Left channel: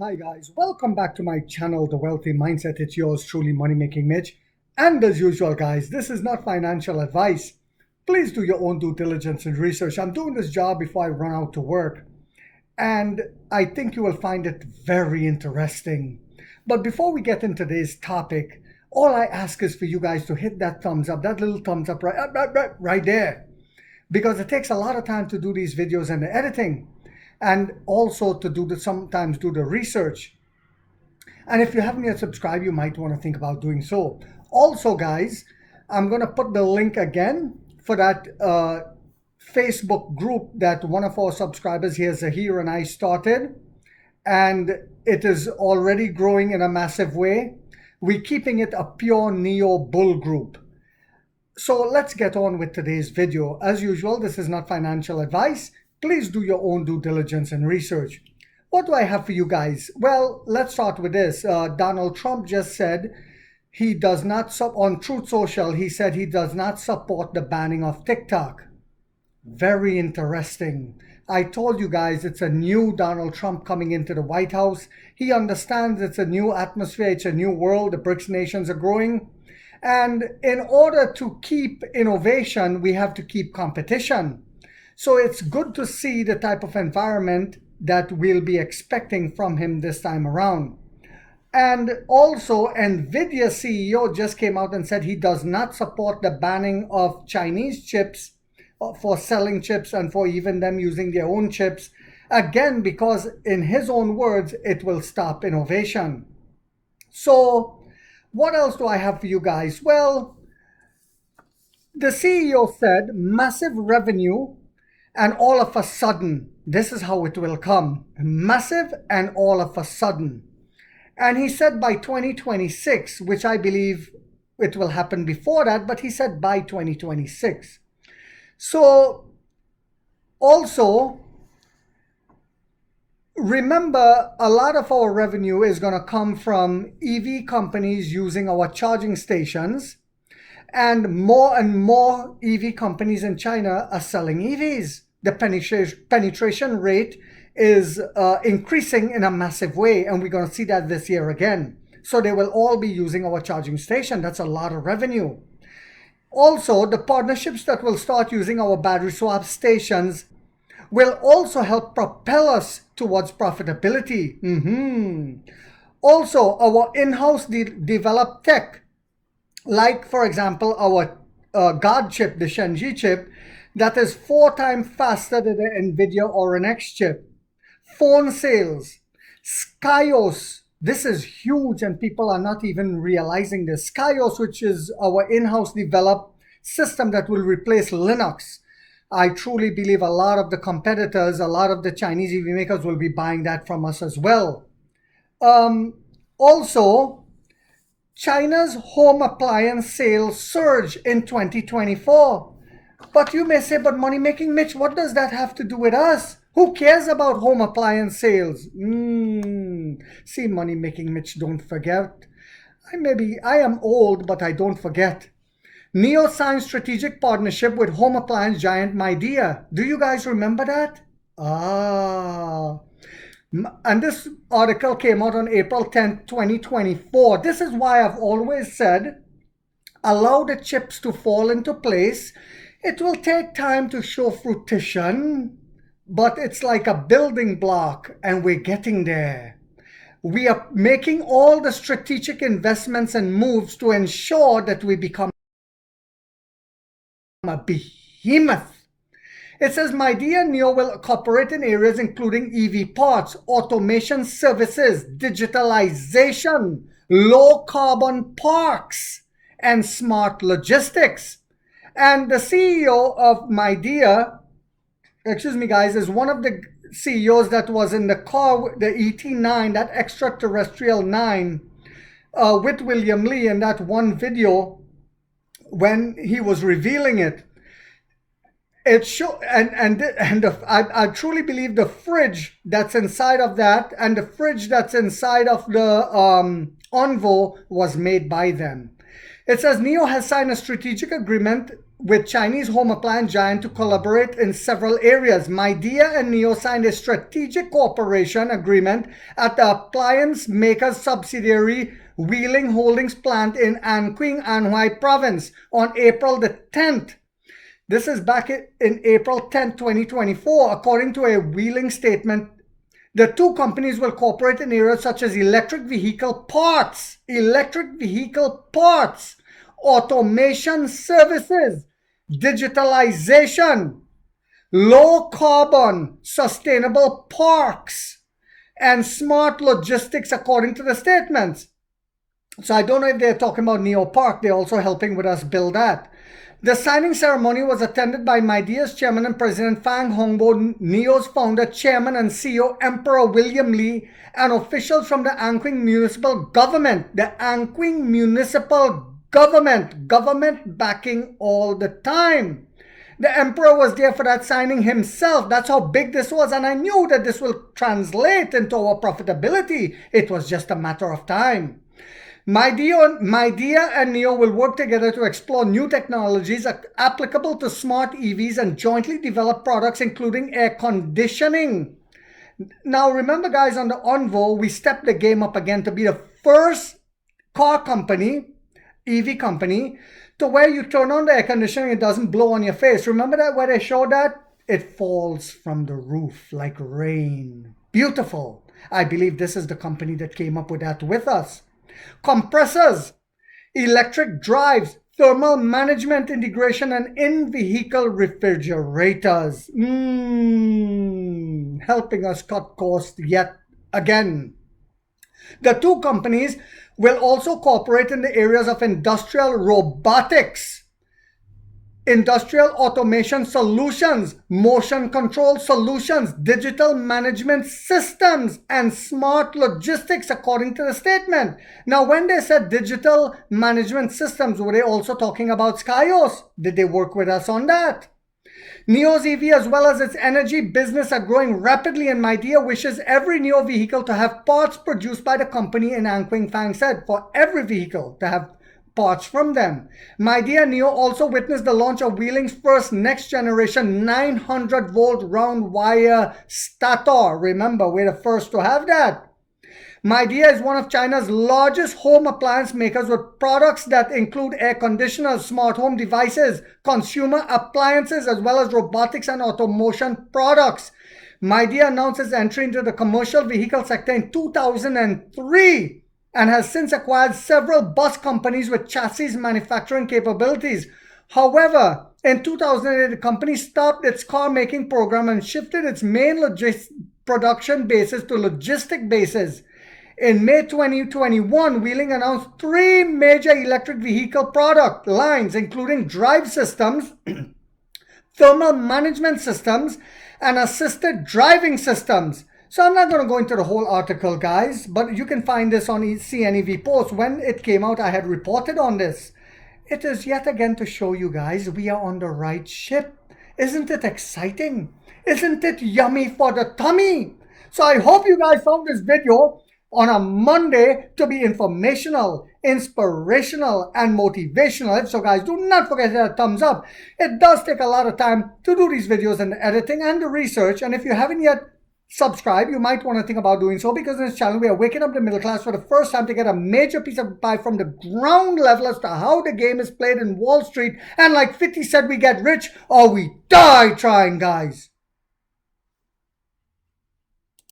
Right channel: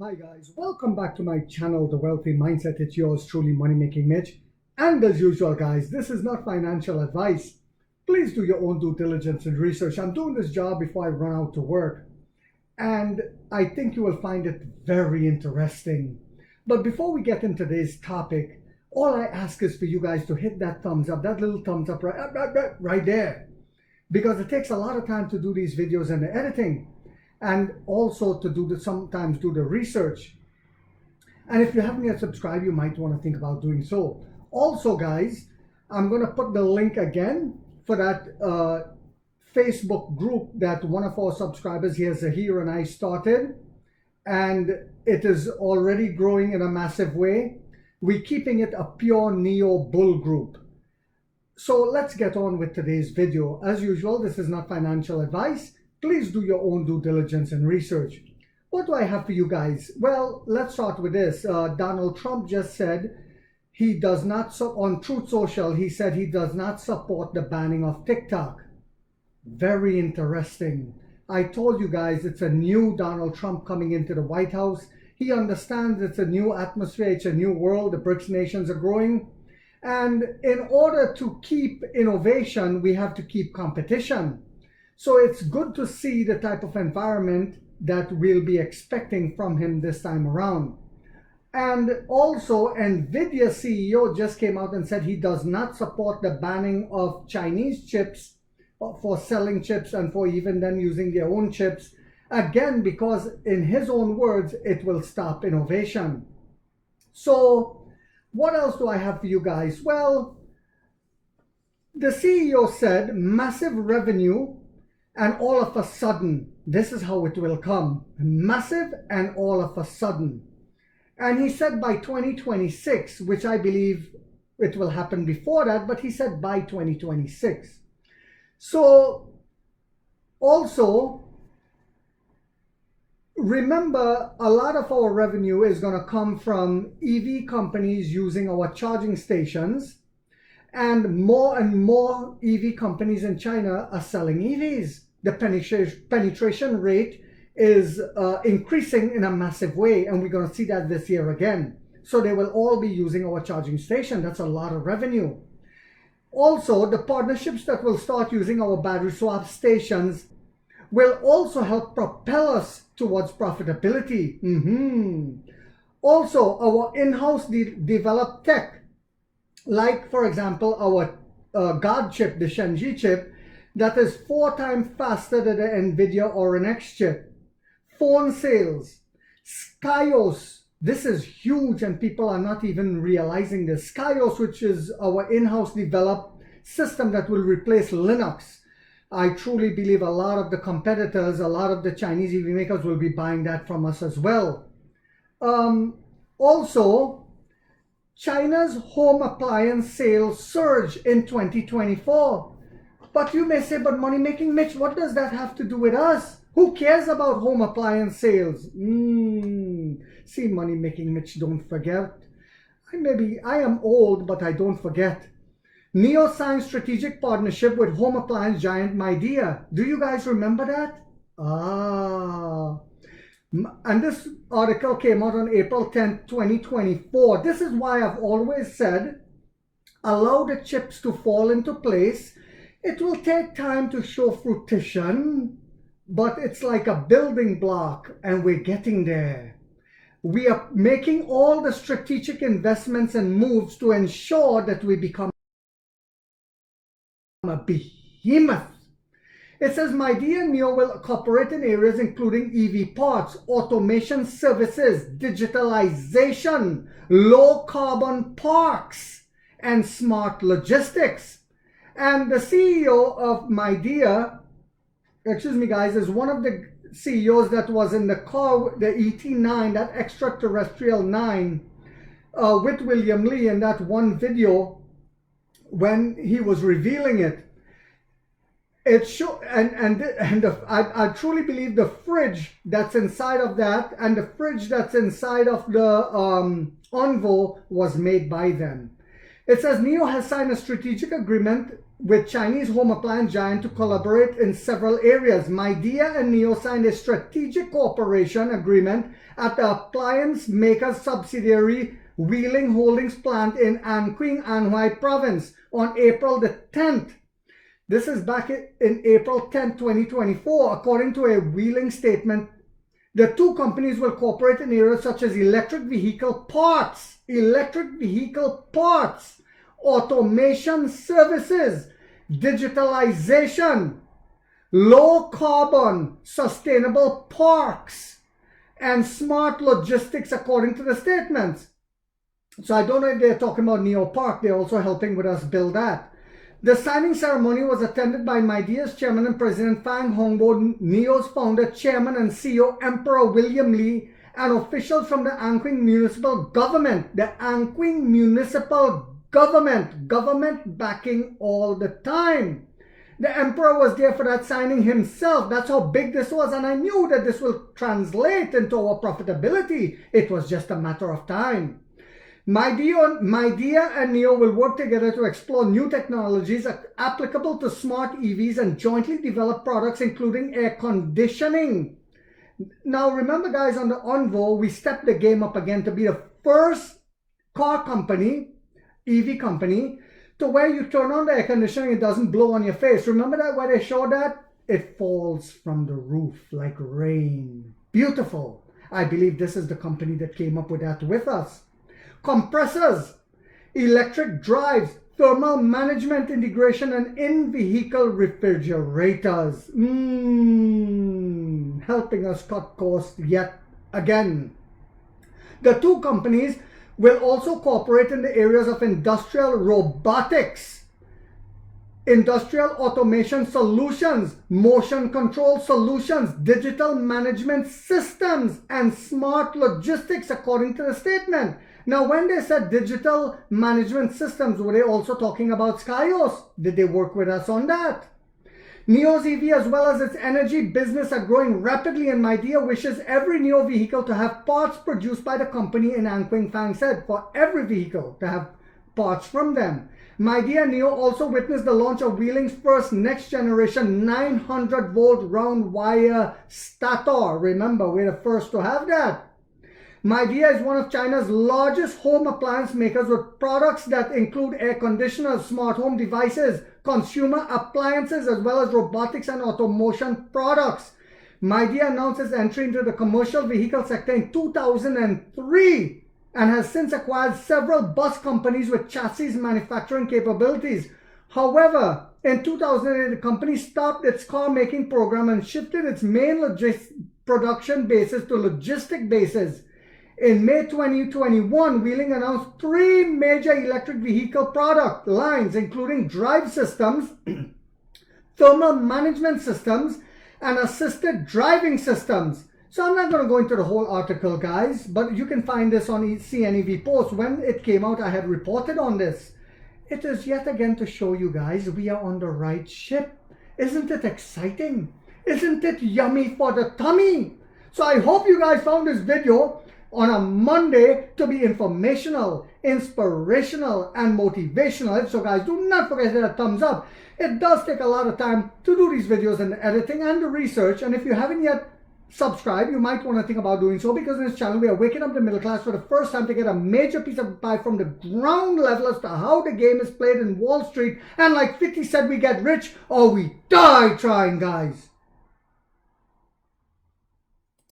Hi guys, welcome back to my channel, The Wealthy Mindset. It's yours truly, Money Making Mitch. And as usual guys, this is not financial advice. Please do your own due diligence and research. I'm doing this job before I run out to work, and I think you will find it very interesting. But before we get into today's topic, all I ask is for you guys to hit that thumbs up, that little thumbs up right there. Because it takes a lot of time to do these videos and the editing, and also to sometimes do the research. And if you haven't yet subscribed, you might want to think about doing so. Also guys, I'm going to put the link again for that Facebook group that one of our subscribers here, Zahir, and I started, and it is already growing in a massive way. We're keeping it a pure neo bull group. So let's get on with today's video. As usual, this is not financial advice. Please do your own due diligence and research. What do I have for you guys? Well, let's start with this. Donald Trump just said he does not, on Truth Social, he said he does not support the banning of TikTok. Very interesting. I told you guys it's a new Donald Trump coming into the White House. He understands it's a new atmosphere, it's a new world, the BRICS nations are growing. And in order to keep innovation, we have to keep competition. So it's good to see the type of environment that we'll be expecting from him this time around. And also, Nvidia CEO just came out and said he does not support the banning of Chinese chips for selling chips and for even them using their own chips. Again, because in his own words, it will stop innovation. So what else do I have for you guys? Well, the CEO said massive revenue, and all of a sudden, this is how it will come. Massive and all of a sudden. And he said by 2026, which I believe it will happen before that, but he said by 2026. So also, remember, a lot of our revenue is going to come from EV companies using our charging stations. And more EV companies in China are selling EVs. The penetration rate is increasing in a massive way, and we're going to see that this year again. So they will all be using our charging station. That's a lot of revenue. Also, the partnerships that will start using our battery swap stations will also help propel us towards profitability. Also, our in-house developed tech, like for example our God chip, the Shenji chip, that is 4 times faster than the Nvidia or an X chip. Phone sales, Skyos, this is huge and people are not even realizing this. Skyos, which is our in-house developed system that will replace Linux. I truly believe a lot of the competitors, a lot of the Chinese EV makers will be buying that from us as well. Also, China's home appliance sales surge in 2024. But you may say, but Money Making Mitch, what does that have to do with us? Who cares about home appliance sales? See, Money Making Mitch, don't forget. I am old, but I don't forget. NEO signed strategic partnership with home appliance giant Midea. Do you guys remember that? And this article came out on April 10th, 2024. This is why I've always said, allow the chips to fall into place. It will take time to show fruition, but it's like a building block, and we're getting there. We are making all the strategic investments and moves to ensure that we become a behemoth. It says Midea NEO will cooperate in areas including EV parts, automation services, digitalization, low carbon parks, and smart logistics. And the CEO of Midea, excuse me guys, is one of the CEOs that was in the car, the ET9, that extraterrestrial 9, with William Lee in that one video when he was revealing it. It show, I truly believe the fridge that's inside of that and the fridge that's inside of the Envo was made by them. It says NEO has signed a strategic agreement with Chinese home appliance giant to collaborate in several areas. Midea and NIO signed a strategic cooperation agreement at the appliance maker's subsidiary Wheeling Holdings plant in Anqing, Anhui province on April the 10th. This is back in April 10, 2024. According to a Wheeling statement, the two companies will cooperate in areas such as electric vehicle parts, automation services, digitalization, low carbon, sustainable parks, and smart logistics, according to the statements. So I don't know if they're talking about Neo Park. They're also helping with us build that. The signing ceremony was attended by Midea's chairman and president Fang Hongbo, NIO's founder, chairman and CEO Emperor William Li, and officials from the Anqing municipal government. The Anqing municipal government backing all the time. The emperor was there for that signing himself. That's how big this was, and I knew that this will translate into our profitability. It was just a matter of time. Midea and NIO will work together to explore new technologies applicable to smart EVs and jointly develop products including air conditioning. Now remember guys, on the Onvo, we stepped the game up again to be the first car company, EV company, to where you turn on the air conditioning, it doesn't blow on your face. Remember that where they showed that? It falls from the roof like rain. Beautiful. I believe this is the company that came up with that with us. Compressors, electric drives, thermal management integration, and in-vehicle refrigerators. Helping us cut costs yet again. The two companies will also cooperate in the areas of industrial robotics, industrial automation solutions, motion control solutions, digital management systems, and smart logistics, according to the statement. Now, when they said digital management systems, were they also talking about Skyos? Did they work with us on that? NIO's EV as well as its energy business are growing rapidly, and Midea wishes every NIO vehicle to have parts produced by the company in Anqing. Fang said, for every vehicle to have parts from them. Midea and NIO also witnessed the launch of Wheeling's first next generation 900 volt round wire stator. Remember, we're the first to have that. Midea is one of China's largest home appliance makers with products that include air conditioners, smart home devices, consumer appliances, as well as robotics and automation products. Midea announced its entry into the commercial vehicle sector in 2003 and has since acquired several bus companies with chassis manufacturing capabilities. However, in 2008, the company stopped its car making program and shifted its main production bases to logistic bases. In May 2021, Wheeling announced 3 major electric vehicle product lines, including drive systems, thermal management systems, and assisted driving systems. So I'm not going to go into the whole article, guys, but you can find this on CNEV Post. When it came out, I had reported on this. It is yet again to show you guys we are on the right ship. Isn't it exciting? Isn't it yummy for the tummy? So I hope you guys found this video on a Monday to be informational, inspirational, and motivational. So guys, do not forget to hit a thumbs up. It does take a lot of time to do these videos and the editing and the research. And if you haven't yet subscribed, you might want to think about doing so, because in this channel we are waking up the middle class for the first time to get a major piece of pie from the ground level as to how the game is played in Wall Street. And like 50 said, we get rich or we die trying, guys.